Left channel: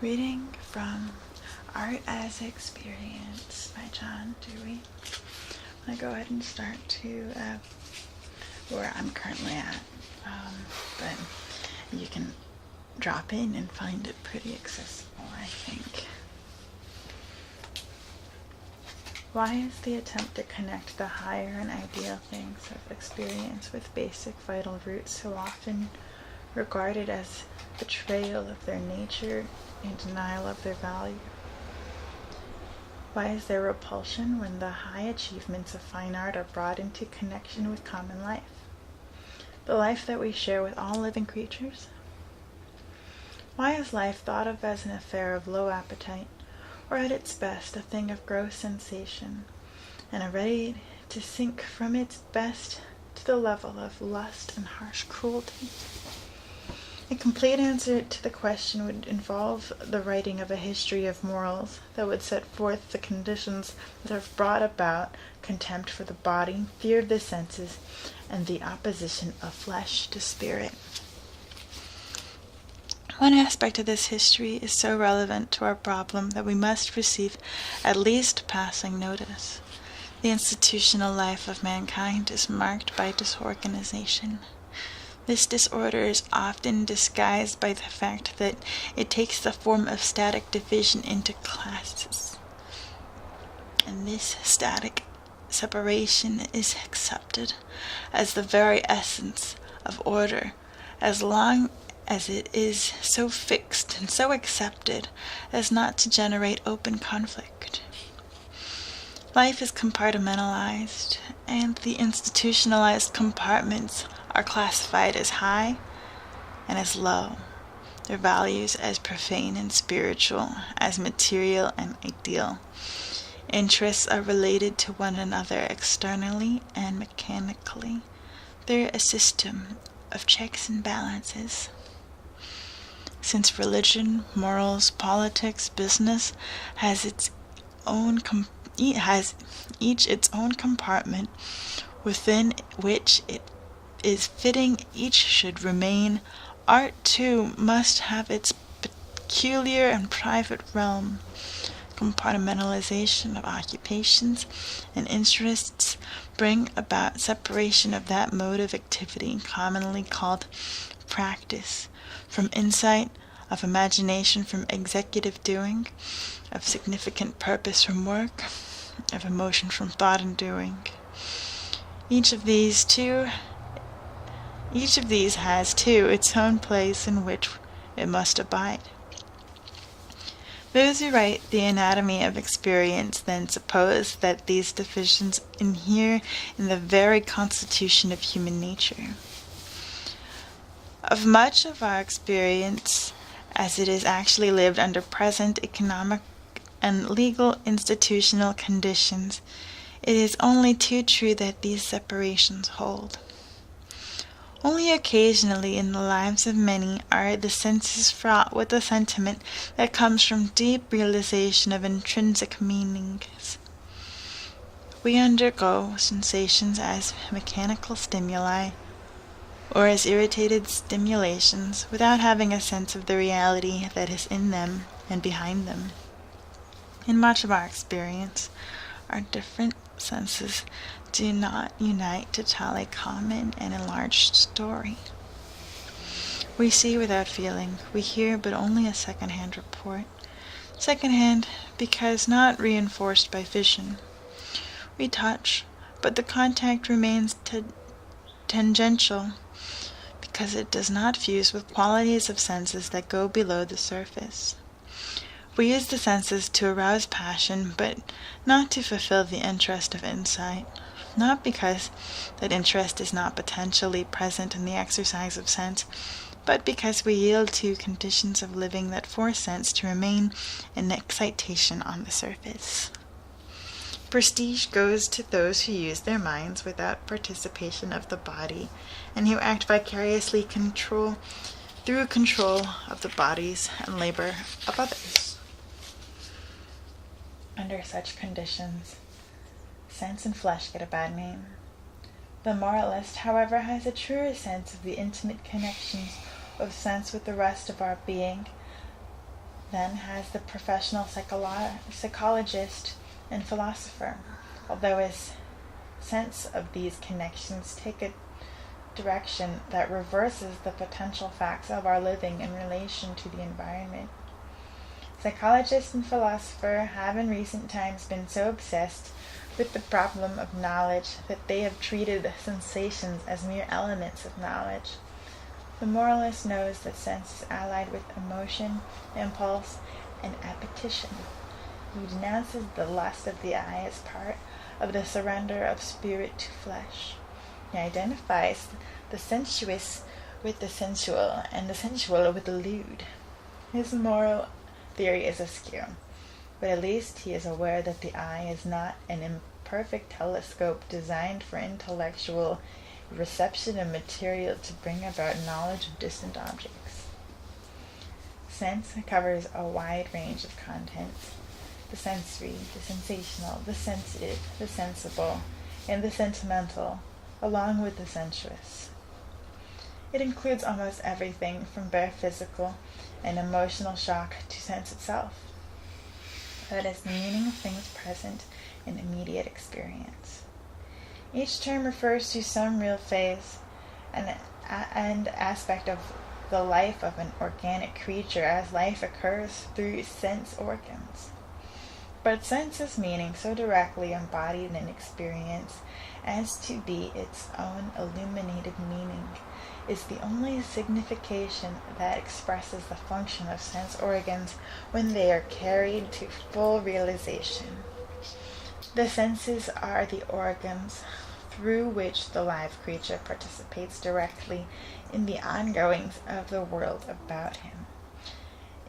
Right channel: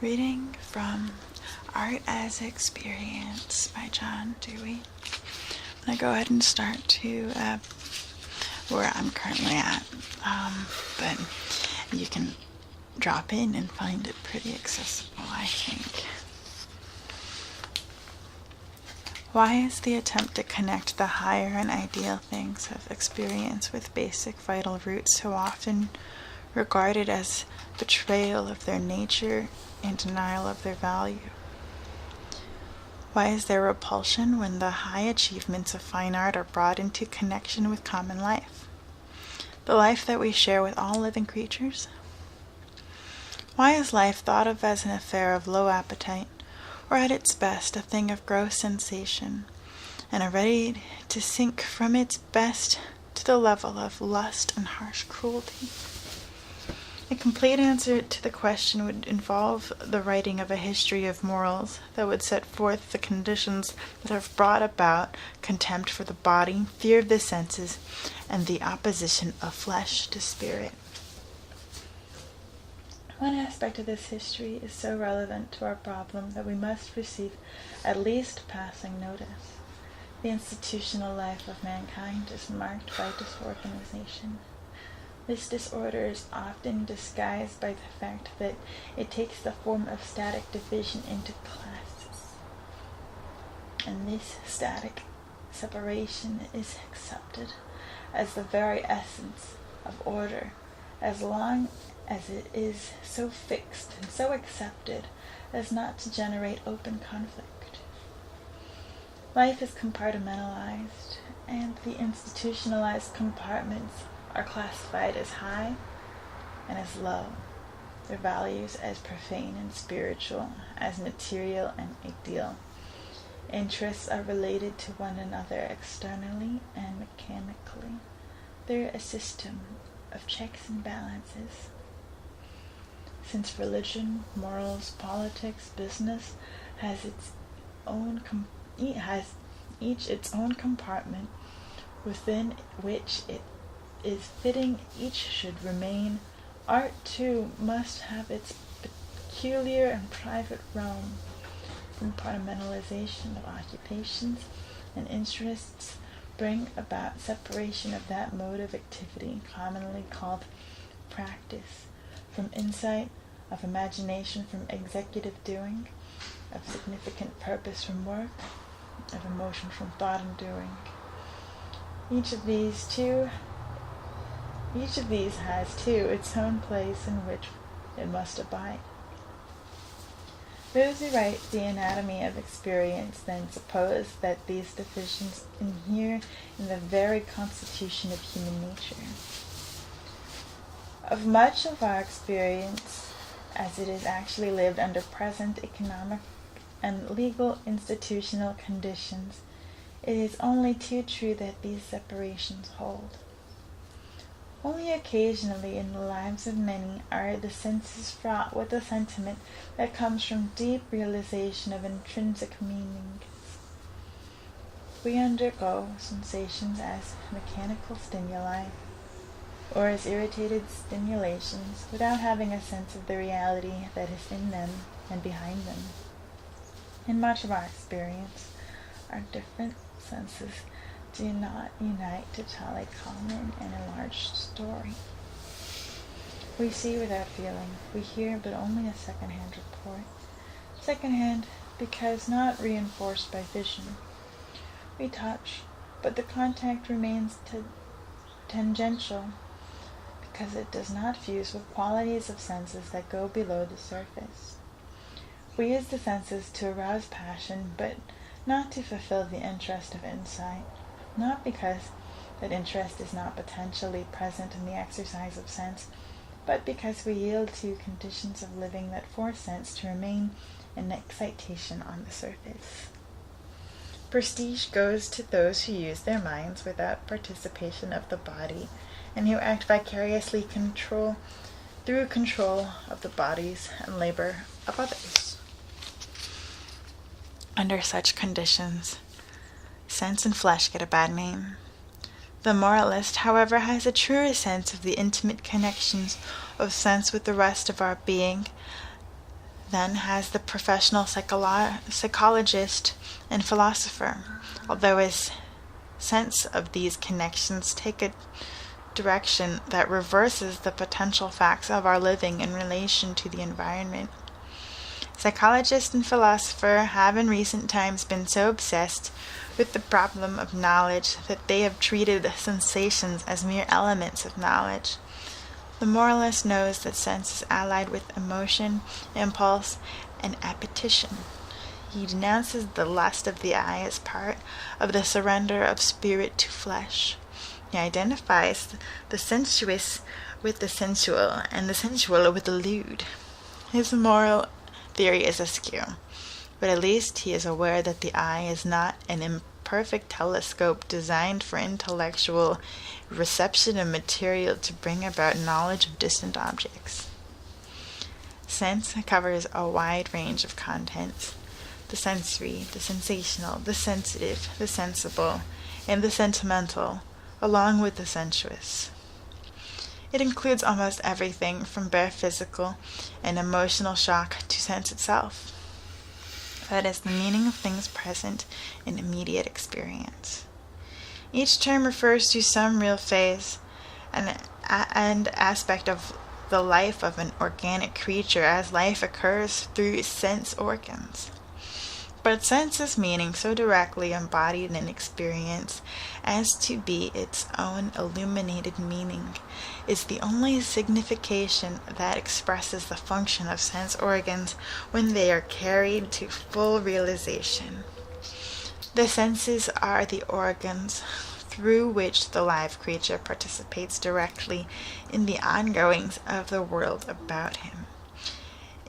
Reading from Art as Experience by John Dewey. I'm going to go ahead and start to where I'm currently at, but you can drop in and find it pretty accessible, I think. Why is the attempt to connect the higher and ideal things of experience with basic vital roots so often regarded as betrayal of their nature and denial of their value? Why is there repulsion when the high achievements of fine art are brought into connection with common life, the life that we share with all living creatures? Why is life thought of as an affair of low appetite, or at its best a thing of gross sensation, and are ready to sink from its best to the level of lust and harsh cruelty? A complete answer to the question would involve the writing of a history of morals that would set forth the conditions that have brought about contempt for the body, fear of the senses, and the opposition of flesh to spirit. One aspect of this history is so relevant to our problem that we must receive at least passing notice. The institutional life of mankind is marked by disorganization. This disorder is often disguised by the fact that it takes the form of static division into classes. And this static separation is accepted as the very essence of order, as long as it is so fixed and so accepted as not to generate open conflict. Life is compartmentalized, and the institutionalized compartments are classified as high and as low, their values as profane and spiritual, as material and ideal. Interests are related to one another externally and mechanically. They're a system of checks and balances. Since religion, morals, politics, business has its own each its own compartment within which it is fitting each should remain, art too must have its peculiar and private realm. Compartmentalization of occupations and interests bring about separation of that mode of activity commonly called practice from insight, of imagination from executive doing, of significant purpose from work, of emotion from thought and doing. Each of these has, too, its own place in which it must abide. Those who write the anatomy of experience then suppose that these divisions inhere in the very constitution of human nature. Of much of our experience, as it is actually lived under present economic and legal institutional conditions, it is only too true that these separations hold. Only occasionally in the lives of many are the senses fraught with the sentiment that comes from deep realization of intrinsic meanings. We undergo sensations as mechanical stimuli, or as irritated stimulations, without having a sense of the reality that is in them and behind them. In much of our experience, our different senses do not unite to tell a common and enlarged story. We see without feeling, we hear but only a second-hand report. Second-hand because not reinforced by vision. We touch, but the contact remains tangential, because it does not fuse with qualities of senses that go below the surface. We use the senses to arouse passion, but not to fulfill the interest of insight, not because that interest is not potentially present in the exercise of sense, but because we yield to conditions of living that force sense to remain in excitation on the surface. Prestige goes to those who use their minds without participation of the body, and who act vicariously through control of the bodies and labor of others. Under such conditions, sense and flesh get a bad name. The moralist, however, has a truer sense of the intimate connections of sense with the rest of our being then has the professional psychologist and philosopher, although his sense of these connections take a direction that reverses the potential facts of our living in relation to the environment. Psychologists and philosophers have in recent times been so obsessed with the problem of knowledge that they have treated sensations as mere elements of knowledge. The moralist knows that sense is allied with emotion, impulse, and appetition. He denounces the lust of the eye as part of the surrender of spirit to flesh. He identifies the sensuous with the sensual, and the sensual with the lewd. His moral theory is askew, but at least he is aware that the eye is not an imperfect telescope designed for intellectual reception of material to bring about knowledge of distant objects. Sense covers a wide range of contents: the sensory, the sensational, the sensitive, the sensible, and the sentimental, along with the sensuous. It includes almost everything from bare physical and emotional shock to sense itself. That is the meaning of things present in immediate experience. Each term refers to some real phase and aspect of the life of an organic creature as life occurs through sense organs. But sense is meaning so directly embodied in experience as to be its own illuminated meaning is the only signification that expresses the function of sense organs when they are carried to full realization. The senses are the organs through which the live creature participates directly in the ongoings of the world about him.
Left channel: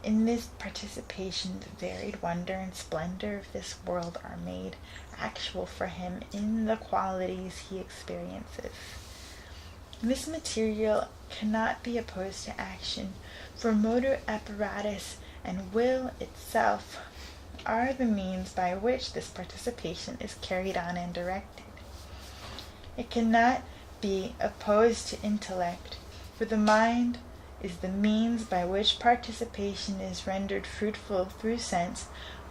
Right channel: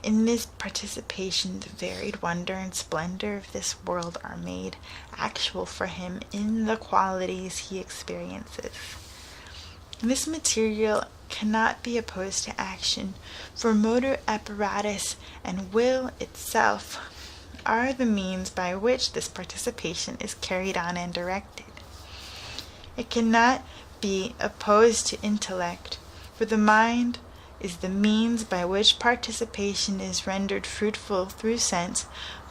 In this participation, the varied wonder and splendor of this world are made actual for him in the qualities he experiences. This material cannot be opposed to action, for motor apparatus and will itself are the means by which this participation is carried on and directed. It cannot be opposed to intellect, for the mind is the means by which participation is rendered fruitful through sense,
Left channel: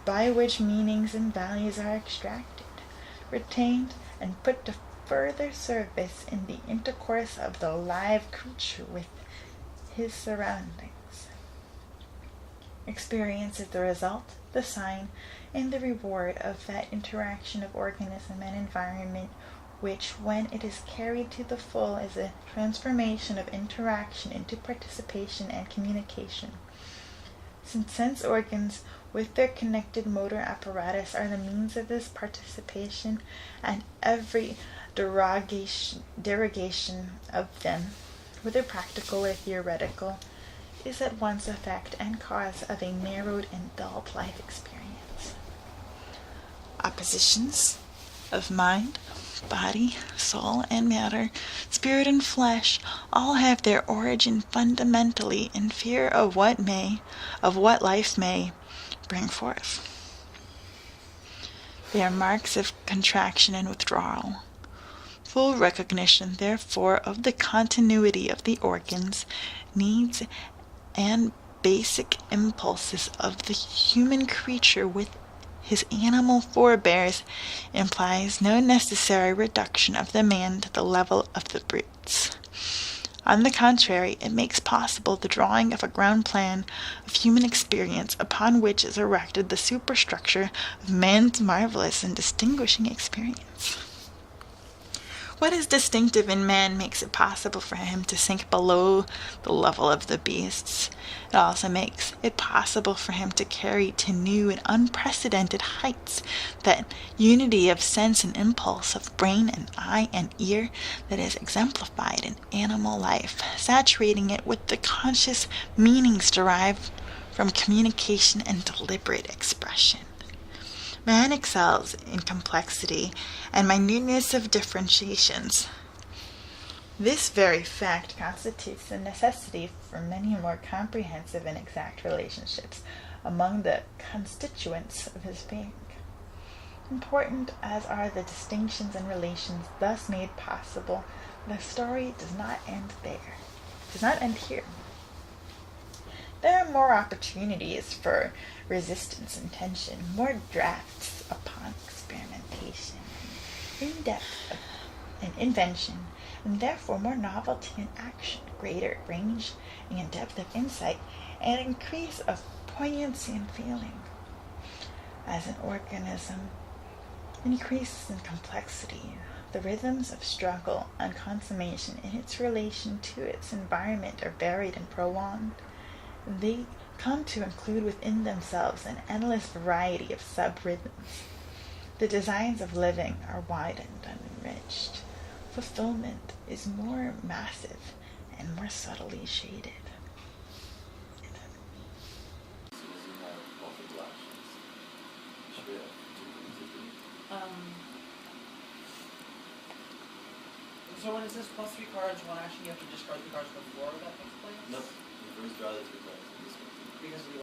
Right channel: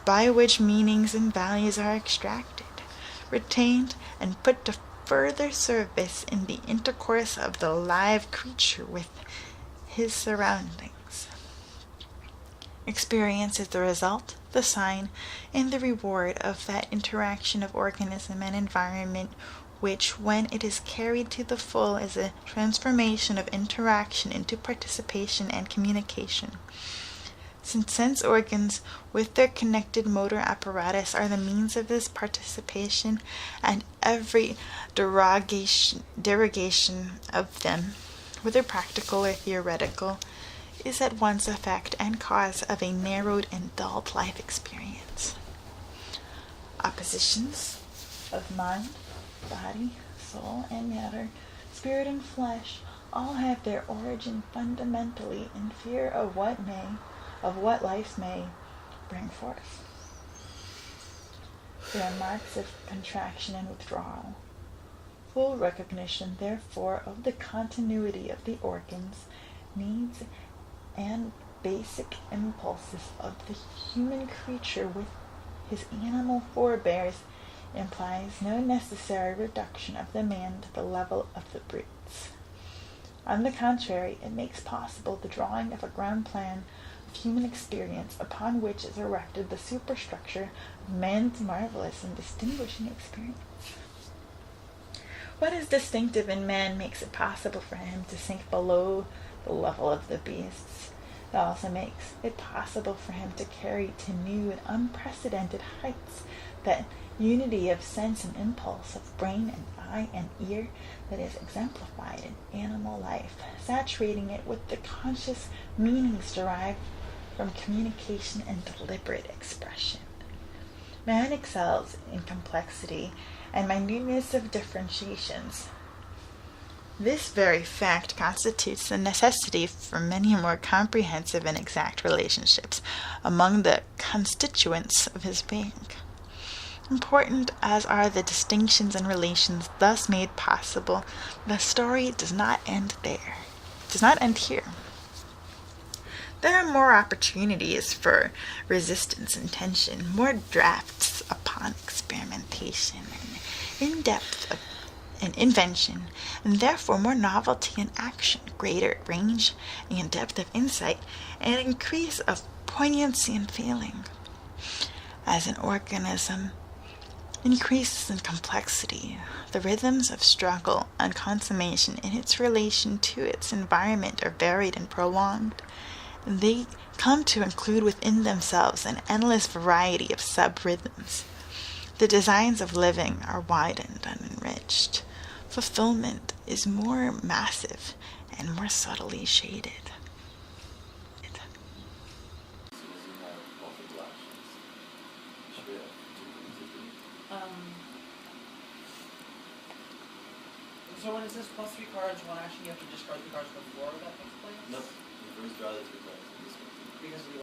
by which meanings and values are extracted, retained, and put to further service in the intercourse of the live creature with his surroundings. Experience is the result, the sign, and the reward of that interaction of organism and environment which, when it is carried to the full, is a transformation of interaction into participation and communication. Since sense organs, with their connected motor apparatus, are the means of this participation, and every derogation of them, whether practical or theoretical, is at once effect and cause of a narrowed and dulled life experience. Oppositions of mind, body, soul, and matter, spirit and flesh, all have their origin fundamentally in fear of what life may bring forth. They are marks of contraction and withdrawal. Full recognition, therefore, of the continuity of the organs, needs, and basic impulses of the human creature with his animal forebears implies no necessary reduction of the man to the level of the brutes. On the contrary, it makes possible the drawing of a ground plan of human experience upon which is erected the superstructure of man's marvelous and distinguishing experience. What is distinctive in man makes it possible for him to sink below the level of the beasts. It also makes it possible for him to carry to new and unprecedented heights that unity of sense and impulse, of brain and eye and ear that is exemplified in animal life, saturating it with the conscious meanings derived from communication and deliberate expression. Man excels in complexity and minuteness of differentiations. This very fact constitutes the necessity for many more comprehensive and exact relationships among the constituents of his being. Important as are the distinctions and relations thus made possible, the story does not end here. There are more opportunities for resistance and tension, more drafts upon experimentation and in-depth of and invention, and therefore more novelty and action, greater range and depth of insight, and increase of poignancy and feeling. As an organism increases in complexity, the rhythms of struggle and consummation in its relation to its environment are varied and prolonged. They come to include within themselves an endless variety of sub-rhythms. The designs of living are widened and enriched. Fulfillment is more massive and more subtly shaded. So when it says plus 3 cards, one action, you have to discard the cards before that takes place? Nope. You first draw the 2 cards. Because of the